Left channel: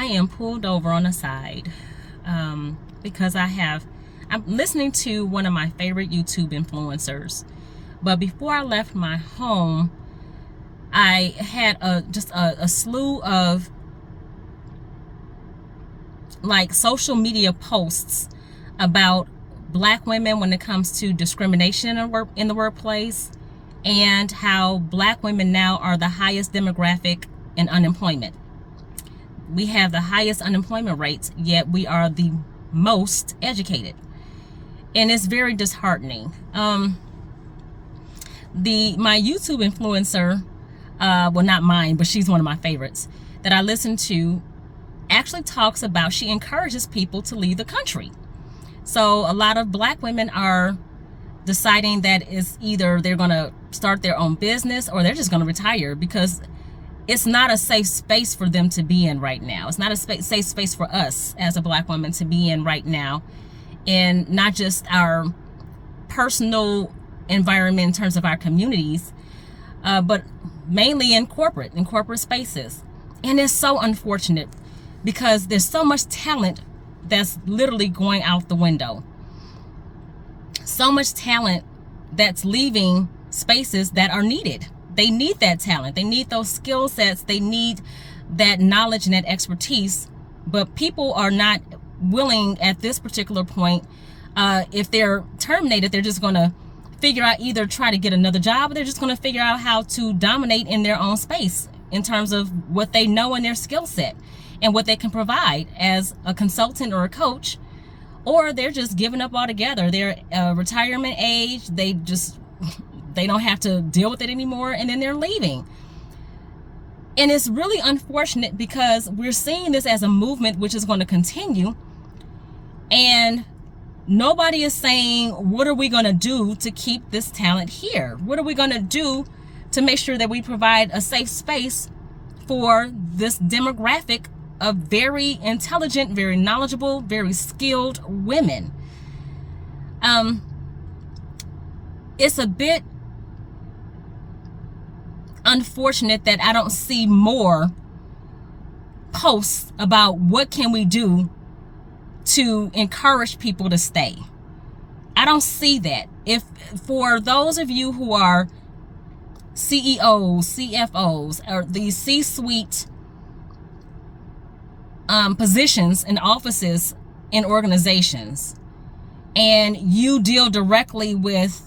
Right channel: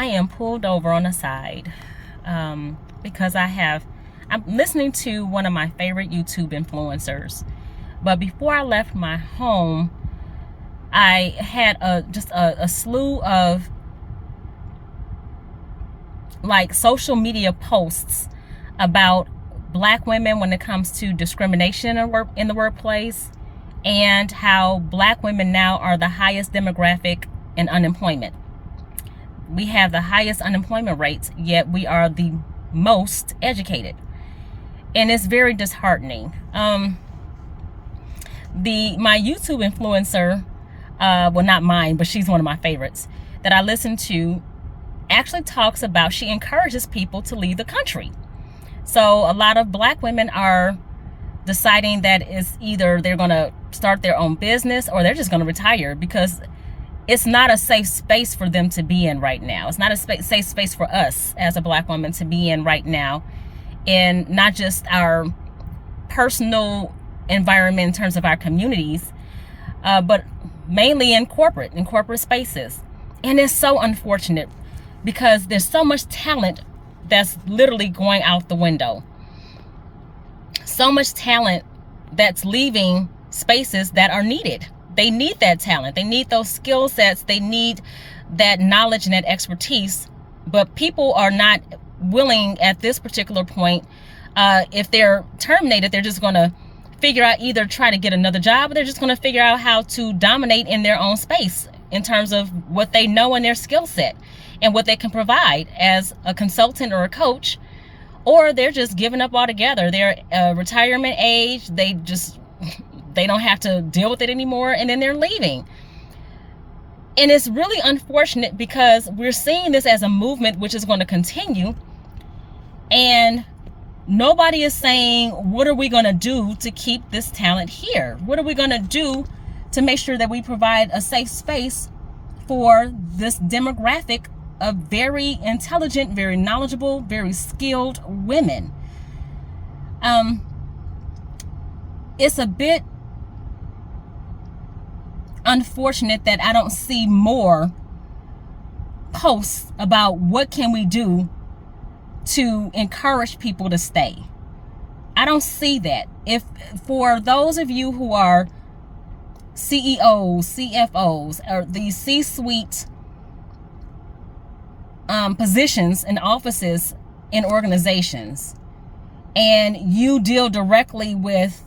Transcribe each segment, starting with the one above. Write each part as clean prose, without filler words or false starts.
I am pulled over on the side because I'm listening to one of my favorite YouTube influencers. But before I left my home, I had just a slew of like social media posts about Black women when it comes to discrimination in the workplace, and how Black women now are the highest demographic in unemployment. We have the highest unemployment rates, yet we are the most educated. And it's very disheartening. My YouTube influencer, well, not mine, but she's one of my favorites that I listen to, actually talks about, she encourages people to leave the country. So a lot of Black women are deciding that it's either they're going to start their own business or they're just going to retire, because it's not a safe space for them to be in right now. It's not a safe space for us as a Black woman to be in right now, and not just our personal environment in terms of our communities, but mainly in corporate spaces. And it's so unfortunate because there's so much talent that's literally going out the window. So much talent that's leaving spaces that are needed. They need that talent. They need those skill sets. They need that knowledge and that expertise. But people are not willing at this particular point. If they're terminated, they're just going to figure out, either try to get another job, or they're just going to figure out how to dominate in their own space in terms of what they know and their skill set and what they can provide as a consultant or a coach. Or they're just giving up altogether. They're retirement age. They don't have to deal with it anymore, and then they're leaving. And it's really unfortunate because we're seeing this as a movement which is going to continue, and nobody is saying, what are we going to do to keep this talent here? What are we going to do to make sure that we provide a safe space for this demographic of very intelligent, very knowledgeable, very skilled women? It's a bit unfortunate that I don't see more posts about what can we do to encourage people to stay. I don't see that. If for those of you who are CEOs, CFOs, or these C-suite positions and offices in organizations, and you deal directly with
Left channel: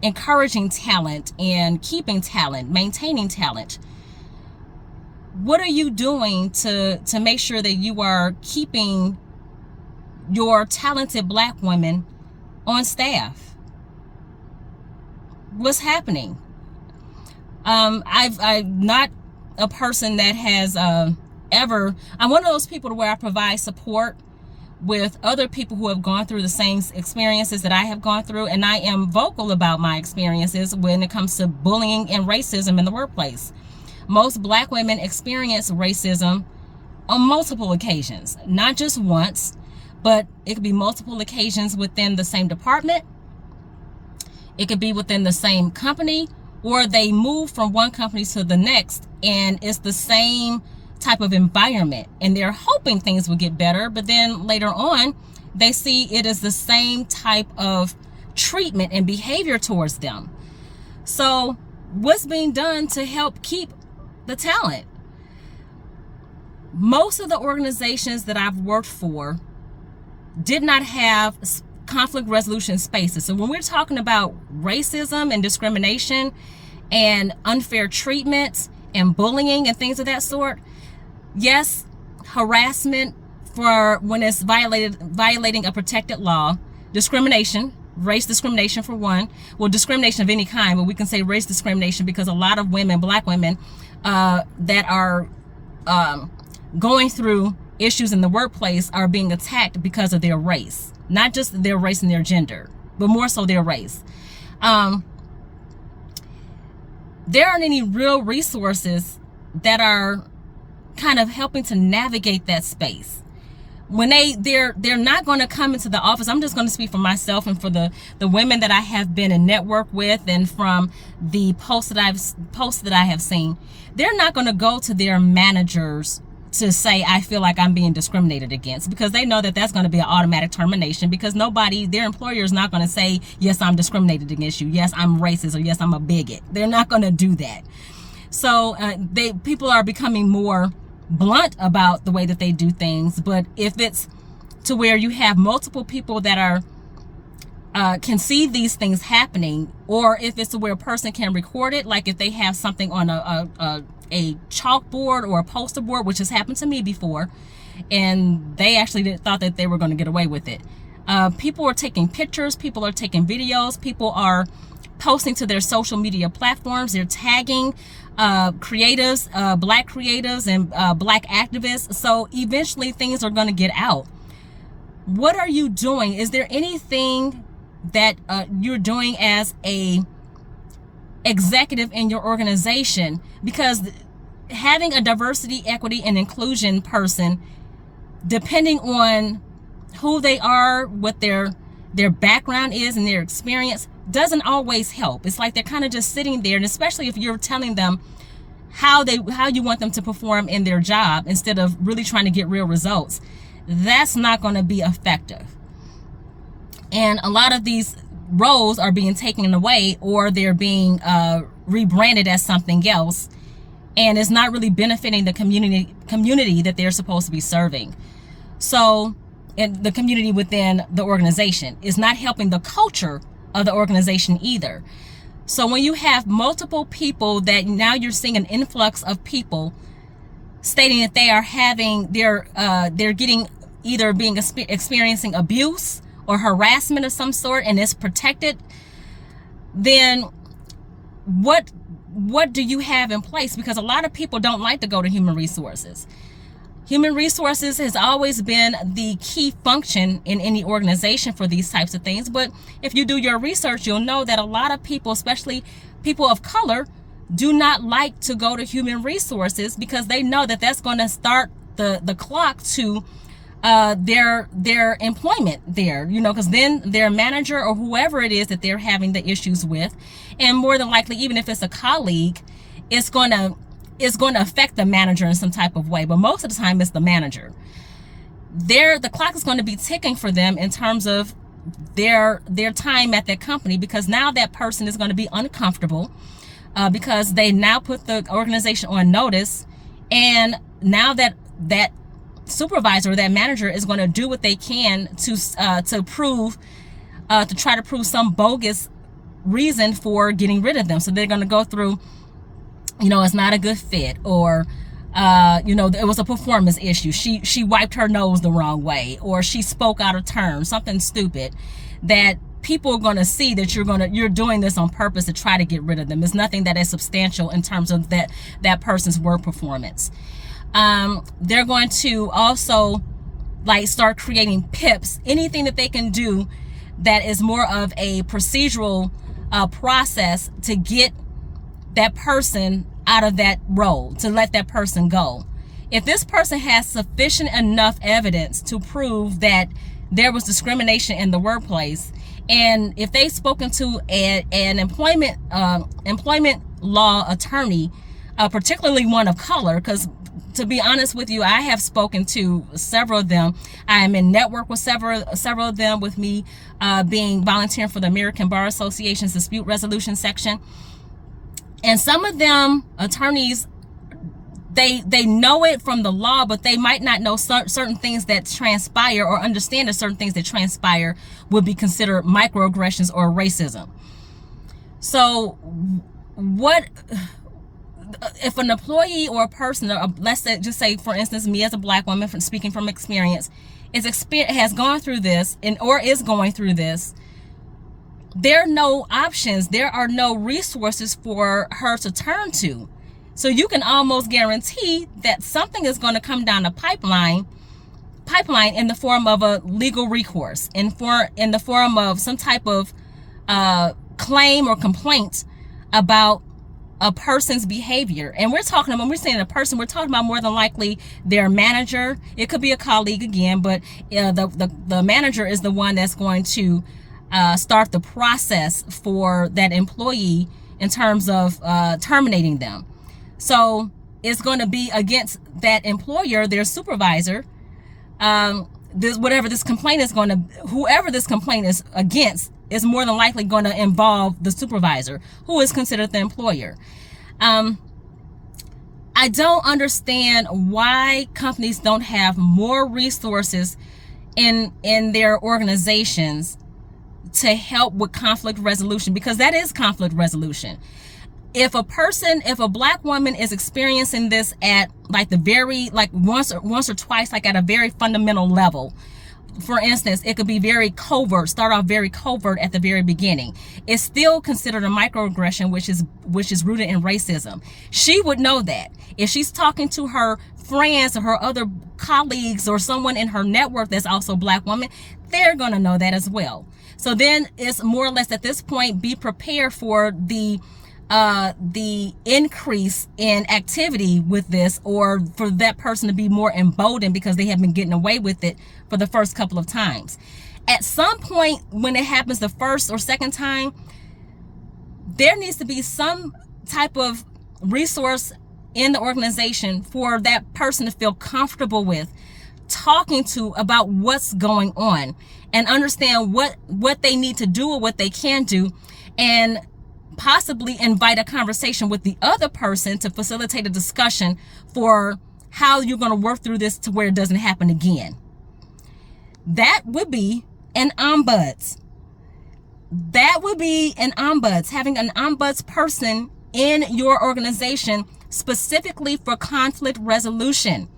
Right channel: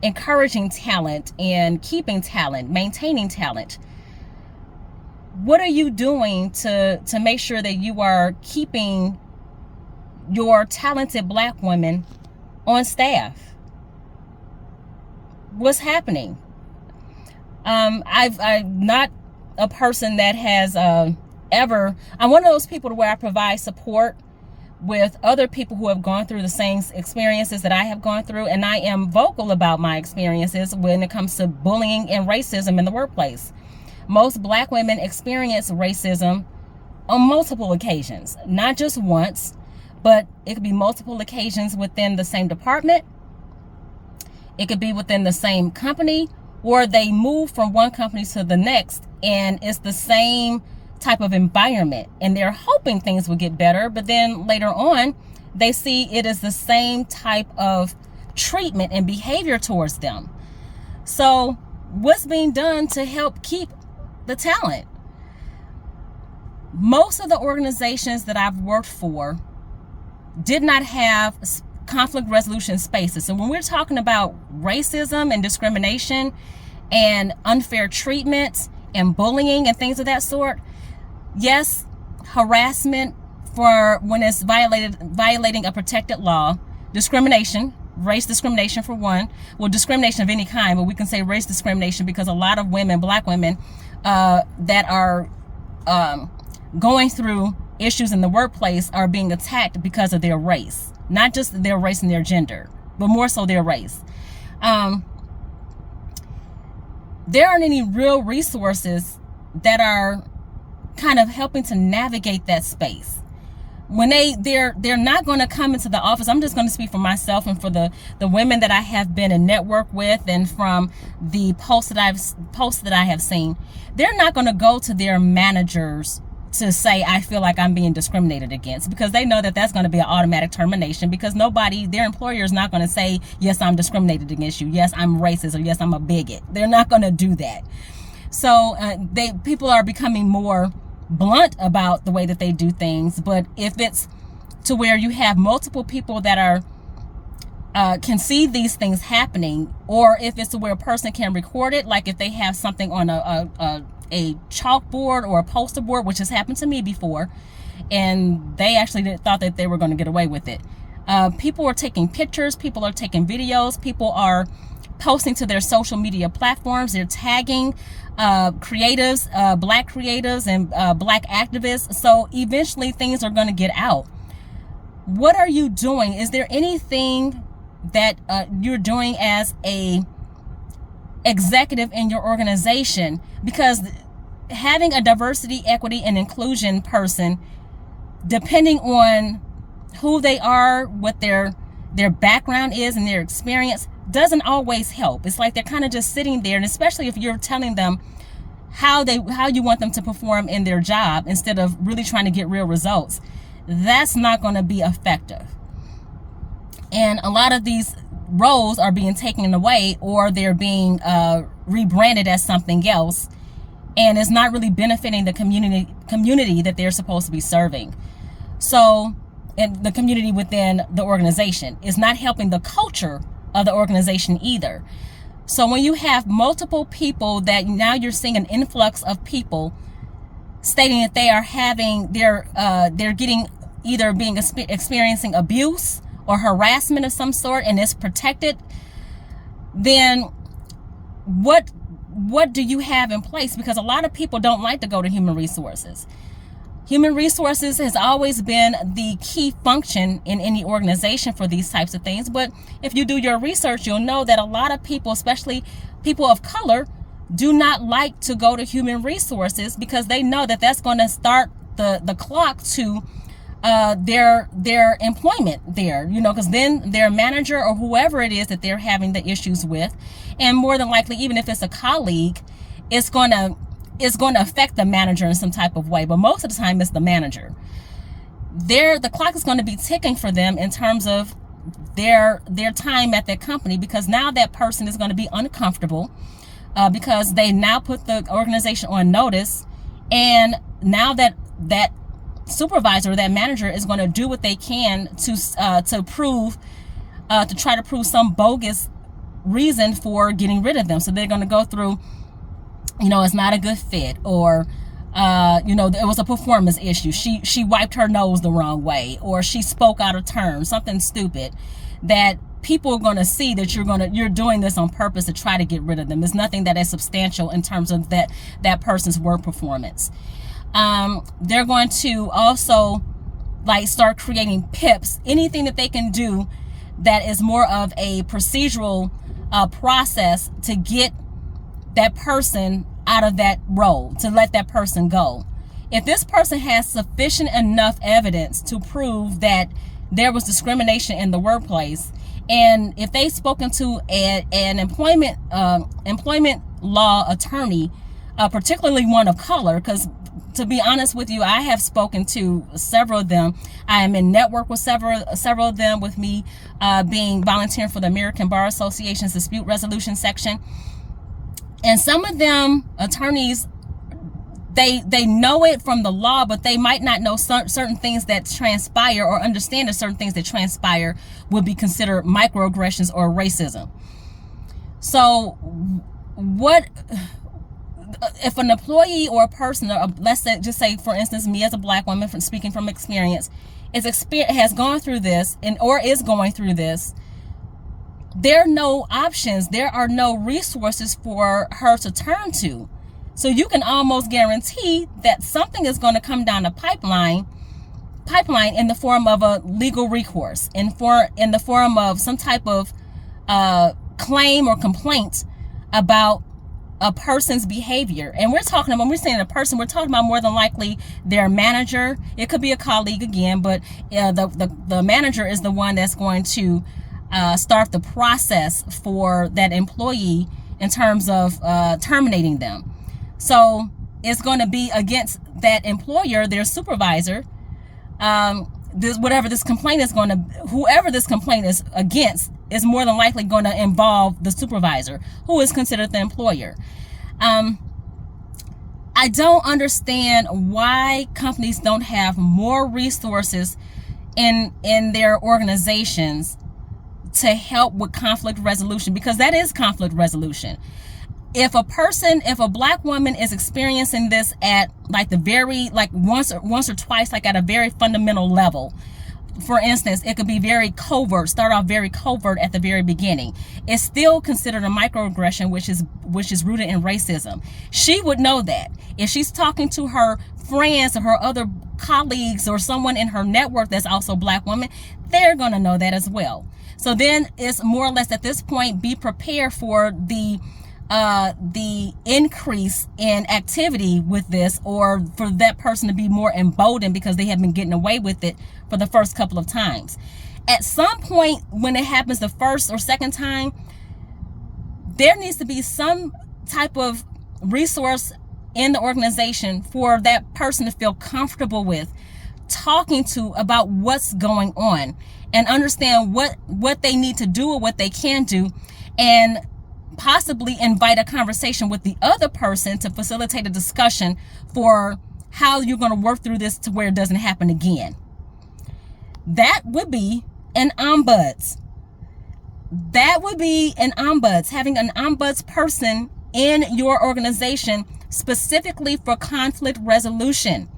encouraging talent and keeping talent, maintaining talent, what are you doing to make sure that you are keeping your talented Black women on staff? What's happening? I'm not a person that has I'm one of those people where I provide support with other people who have gone through the same experiences that I have gone through, and I am vocal about my experiences when it comes to bullying and racism in the workplace. Most Black women experience racism on multiple occasions, not just once, but it could be multiple occasions within the same department. It could be within the same company, or they move from one company to the next and it's the same type of environment, and they're hoping things will get better, but then later on they see it as the same type of treatment and behavior towards them. So what's being done to help keep the talent? Most of the organizations that I've worked for did not have conflict resolution spaces. So when we're talking about racism and discrimination and unfair treatment and bullying and things of that sort, yes, harassment for when it's violating a protected law, discrimination, race discrimination for one, well, discrimination of any kind, but we can say race discrimination because a lot of women, Black women, that are going through issues in the workplace are being attacked because of their race, not just their race and their gender, but more so their race. There aren't any real resources that are kind of helping to navigate that space. When they're not going to come into the office. I'm just going to speak for myself and for the women that I have been in network with, and from the posts that I have seen. They're not going to go to their managers to say, I feel like I'm being discriminated against, because they know that that's going to be an automatic termination, because their employer is not going to say, yes, I'm discriminated against you, yes, I'm racist, or yes, I'm a bigot. They're not going to do that. So people are becoming more blunt about the way that they do things. But if it's to where you have multiple people that are can see these things happening, or if it's to where a person can record it, like if they have something on a chalkboard or a poster board, which has happened to me before, and they actually thought that they were going to get away with it. People are taking pictures, people are taking videos, people are posting to their social media platforms, they're tagging creatives, black creatives and black activists. So eventually things are going to get out. What are you doing? Is there anything that you're doing as a executive in your organization? Because having a diversity, equity, and inclusion person, depending on who they are, what their background is and their experience, doesn't always help. It's like they're kind of just sitting there, and especially if you're telling them how you want them to perform in their job instead of really trying to get real results, that's not going to be effective. And a lot of these roles are being taken away, or they're being rebranded as something else, and it's not really benefiting the community that they're supposed to be serving. So, and the community within the organization is not helping the culture of the organization either. So when you have multiple people, that now you're seeing an influx of people stating that they are having they're getting either experiencing abuse or harassment of some sort, and it's protected, then what do you have in place? Because a lot of people don't like to go to human resources. Human resources has always been the key function in any organization for these types of things. But if you do your research, you'll know that a lot of people, especially people of color, do not like to go to human resources, because they know that that's going to start the clock to their employment there, because then their manager or whoever it is that they're having the issues with, and more than likely, even if it's a colleague, it's going to affect the manager in some type of way. But most of the time it's the manager. The clock is going to be ticking for them in terms of their time at that company, because now that person is going to be uncomfortable because they now put the organization on notice, and now that supervisor or that manager is going to do what they can to try to prove some bogus reason for getting rid of them. So they're going to go through, it's not a good fit, or it was a performance issue. She wiped her nose the wrong way, or she spoke out of turn, something stupid, that people are going to see that you're doing this on purpose to try to get rid of them. It's nothing that is substantial in terms of that person's work performance. They're going to also start creating PIPs, anything that they can do that is more of a procedural process to get that person out of that role, to let that person go. If this person has sufficient enough evidence to prove that there was discrimination in the workplace, and if they've spoken to an employment law attorney, particularly one of color, because to be honest with you, I have spoken to several of them. I am in network with several of them, with me being volunteering for the American Bar Association's dispute resolution section. And some of them attorneys, they know it from the law, but they might not know certain things that transpire, or understand that certain things that transpire would be considered microaggressions or racism. So what if an employee or a person, or let's just say, for instance, me as a black woman, speaking from experience, has gone through this or is going through this, there are no options, there are no resources for her to turn to. So you can almost guarantee that something is going to come down the pipeline in the form of a legal recourse, in the form of some type of claim or complaint about a person's behavior. And we're talking about, when we're saying a person, we're talking about more than likely their manager. It could be a colleague again, but the manager is the one that's going to start the process for that employee in terms of terminating them. So is going to be against that employer, their supervisor. Whoever this complaint is against is more than likely going to involve the supervisor, who is considered the employer. I don't understand why companies don't have more resources in their organizations to help with conflict resolution, because that is conflict resolution. If a black woman is experiencing this at like once or twice, like at a very fundamental level, for instance, it could be start off very covert at the very beginning. It's still considered a microaggression, which is rooted in racism. She would know that. If she's talking to her friends or her other colleagues or someone in her network that's also a black woman, they're going to know that as well. So then it's more or less at this point, be prepared for the increase in activity with this, or for that person to be more emboldened because they have been getting away with it for the first couple of times. At some point when it happens the first or second time, there needs to be some type of resource in the organization for that person to feel comfortable with talking to about what's going on, and understand what they need to do or what they can do, and possibly invite a conversation with the other person to facilitate a discussion for how you're going to work through this to where it doesn't happen again. That would be an ombuds. Having an ombuds person in your organization specifically for conflict resolution.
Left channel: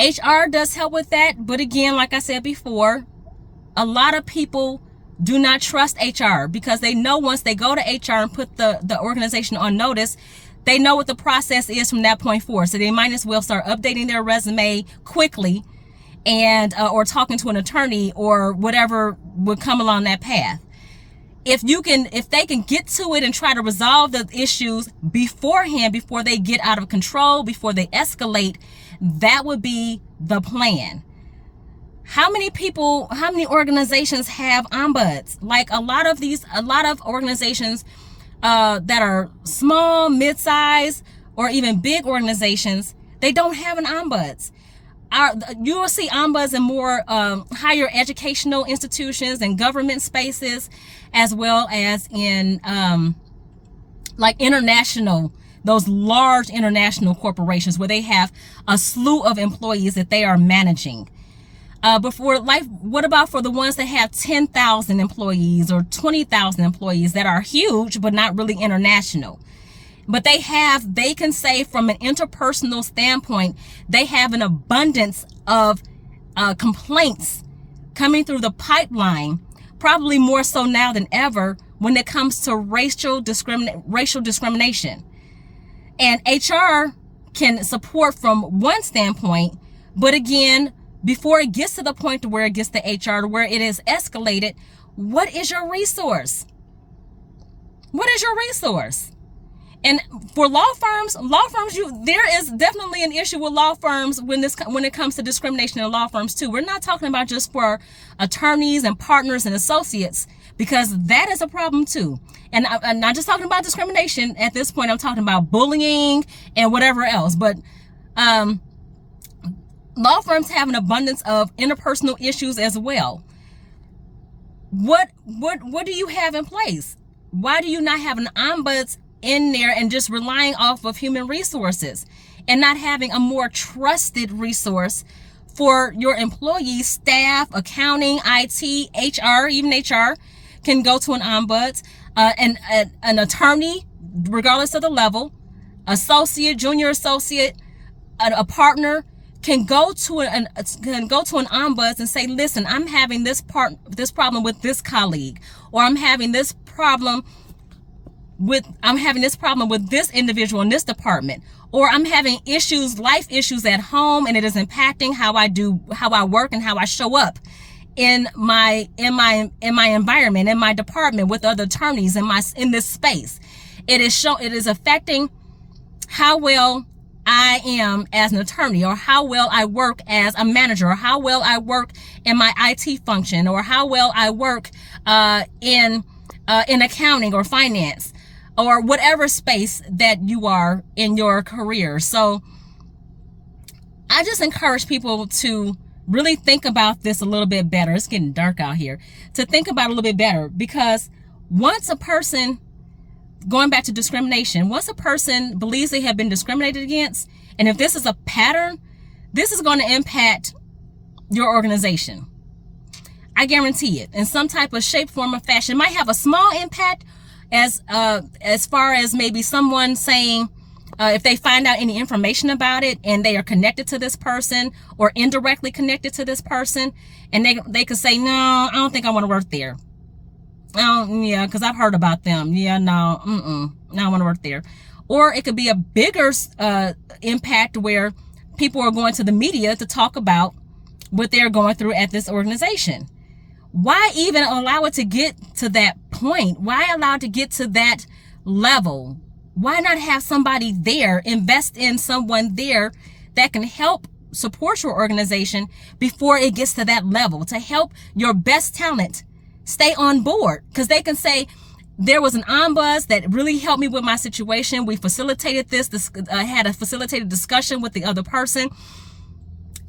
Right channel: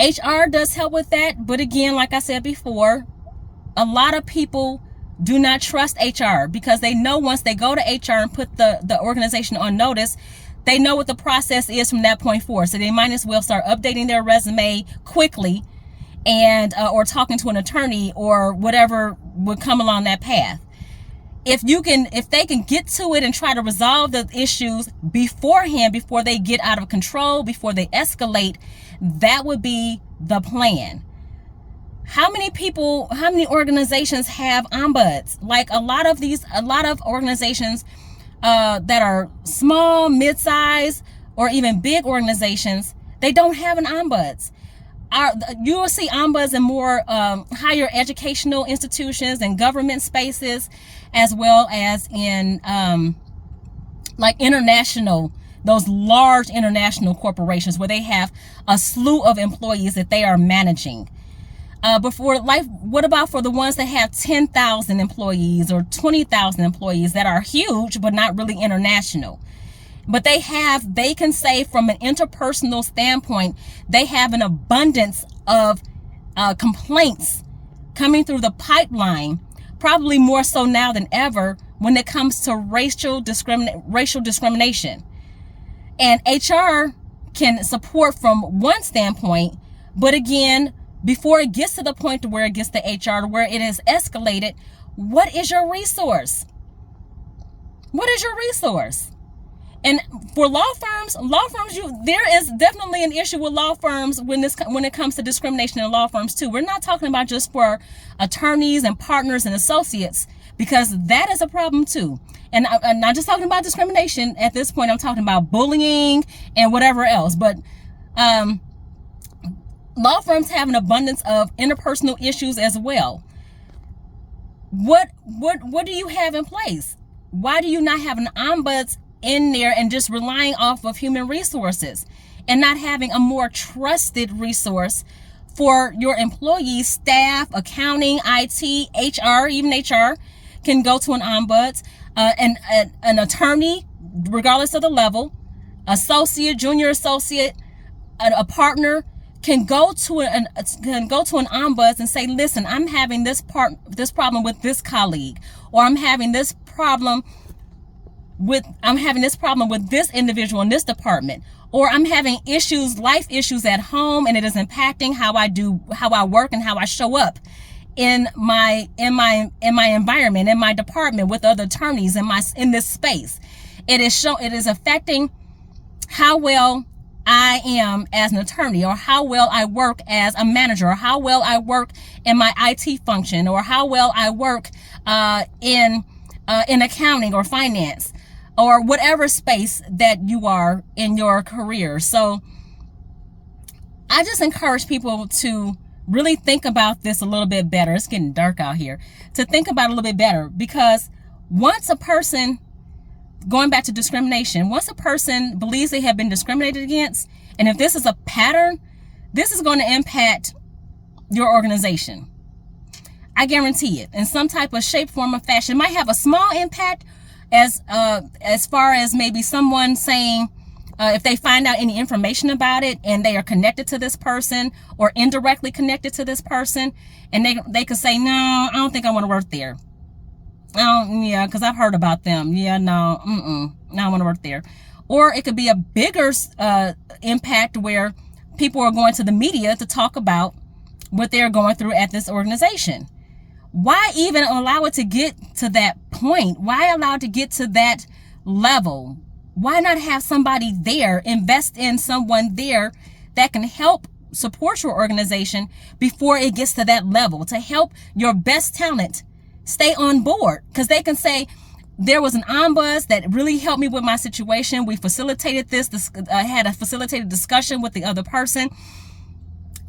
HR does help with that, but again, like I said before, a lot of people do not trust HR because they know once they go to HR and put the organization on notice, they know what the process is from that point forward. So they might as well start updating their resume quickly and or talking to an attorney or whatever would come along that path. If they can get to it and try to resolve the issues beforehand, before they get out of control, before they escalate, that would be the plan. How many organizations have ombuds? Like a lot of organizations that are small, mid-size, or even big organizations, they don't have an ombuds. You will see ombuds in more higher educational institutions and government spaces, as well as in like international, those large international corporations where they have a slew of employees that they are managing. But what about for the ones that have 10,000 employees or 20,000 employees that are huge but not really international? But they can say from an interpersonal standpoint, they have an abundance of complaints coming through the pipeline, probably more so now than ever when it comes to racial discrimination. And HR can support from one standpoint, but again, before it gets to the point to where it gets to HR, to where it is escalated, what is your resource? What is your resource? And for law firms, there is definitely an issue with law firms when it comes to discrimination in law firms too. We're not talking about just for attorneys and partners and associates, because that is a problem too. And I'm not just talking about discrimination at this point. I'm talking about bullying and whatever else. But law firms have an abundance of interpersonal issues as well. What do you have in place? Why do you not have an ombuds in there and just relying off of human resources and not having a more trusted resource for your employees, staff, accounting, IT, HR, even HR can go to an ombuds, an attorney, regardless of the level, associate, junior associate, a partner can go to an ombuds and say, listen, I'm having this problem with this colleague, or I'm having this problem with this individual in this department, or I'm having life issues at home, and it is impacting how I work and how I show up in my environment, in my department, with other attorneys in this space. It is affecting how well I am as an attorney, or how well I work as a manager, or how well I work in my IT function, or how well I work in accounting or finance. or whatever space that you are in your career. So I just encourage people to really think about this a little bit better. It's getting dark out here. To think about it a little bit better, because once a person, going back to discrimination, once a person believes they have been discriminated against, and if this is a pattern, this is going to impact your organization. I guarantee it. In some type of shape, form, or fashion. It might have a small impact as far as maybe someone saying, if they find out any information about it and they are connected to this person or indirectly connected to this person, and they could say, no, I don't think I want to work there. Yeah, because I've heard about them. Yeah, no, no, I want to work there. Or it could be a bigger impact where people are going to the media to talk about what they're going through at this organization. Why even allow it to get to that point? Why allow it to get to that level? Why not have somebody there, invest in someone there that can help support your organization before it gets to that level, to help your best talent stay on board? Because they can say, there was an ombuds that really helped me with my situation. We facilitated this, had a facilitated discussion with the other person.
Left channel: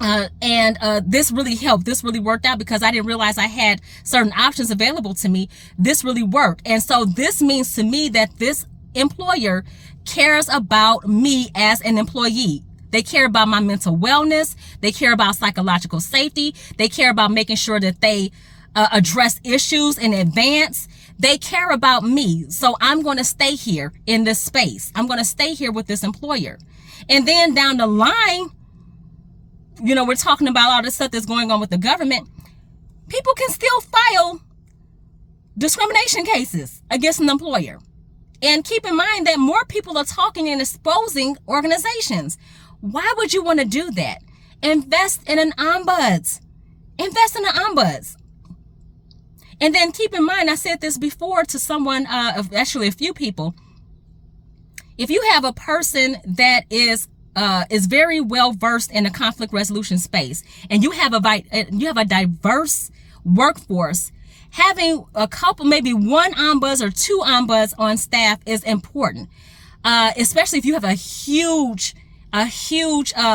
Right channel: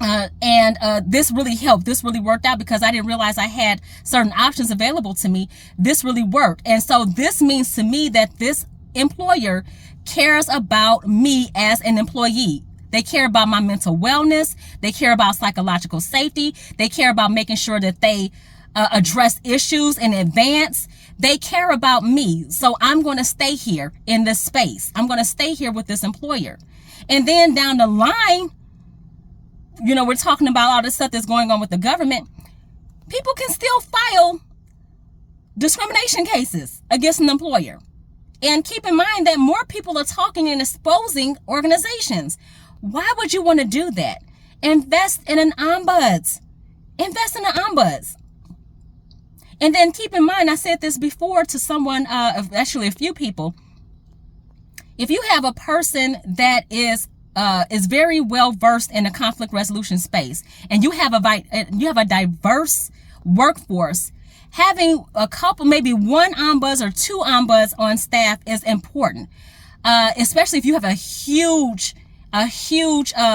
This really helped. This really worked out because I didn't realize I had certain options available to me. This really worked. And so this means to me that this employer cares about me as an employee. They care about my mental wellness. They care about psychological safety. They care about making sure that they address issues in advance. They care about me. So I'm going to stay here in this space. I'm going to stay here with this employer. And then down the line, you know, we're talking about all this stuff that's going on with the government. People can still file discrimination cases against an employer. And keep in mind that more people are talking and exposing organizations. Why would you want to do that? Invest in an ombuds. Invest in an ombuds. And then keep in mind, I said this before to someone, actually a few people. If you have a person that is very well versed in a conflict resolution space, and you have a diverse workforce, having a couple, maybe one ombuds or two ombuds on staff is important, especially if you have a huge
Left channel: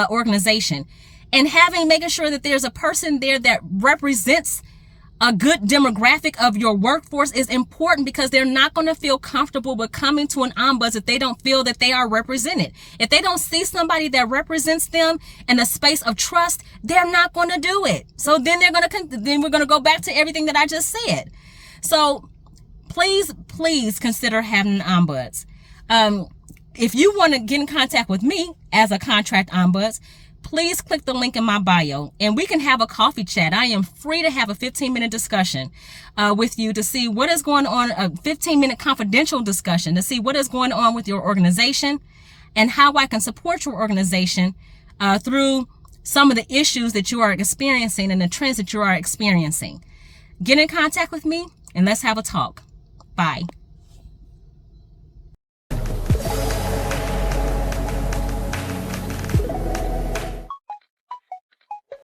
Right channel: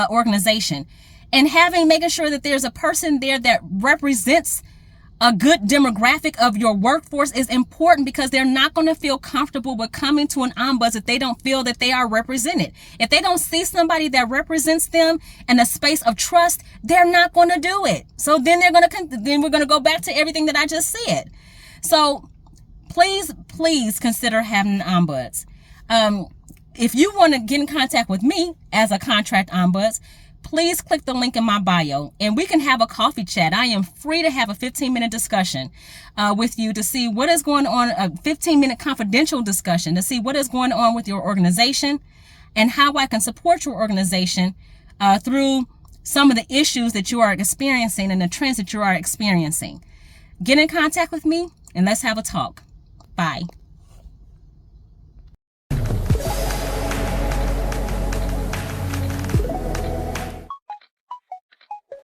organization, and making sure that there's a person there that represents a good demographic of your workforce is important, because they're not going to feel comfortable with coming to an ombuds if they don't feel that they are represented. If they don't see somebody that represents them in a space of trust, they're not going to do it. So then we're going to go back to everything that I just said. So please consider having an ombuds. If you want to get in contact with me as a contract ombuds, please click the link in my bio and we can have a coffee chat. I am free to have a 15-minute discussion with you to see what is going on, a 15-minute confidential discussion to see what is going on with your organization and how I can support your organization through some of the issues that you are experiencing and the trends that you are experiencing. Get in contact with me and let's have a talk. Bye.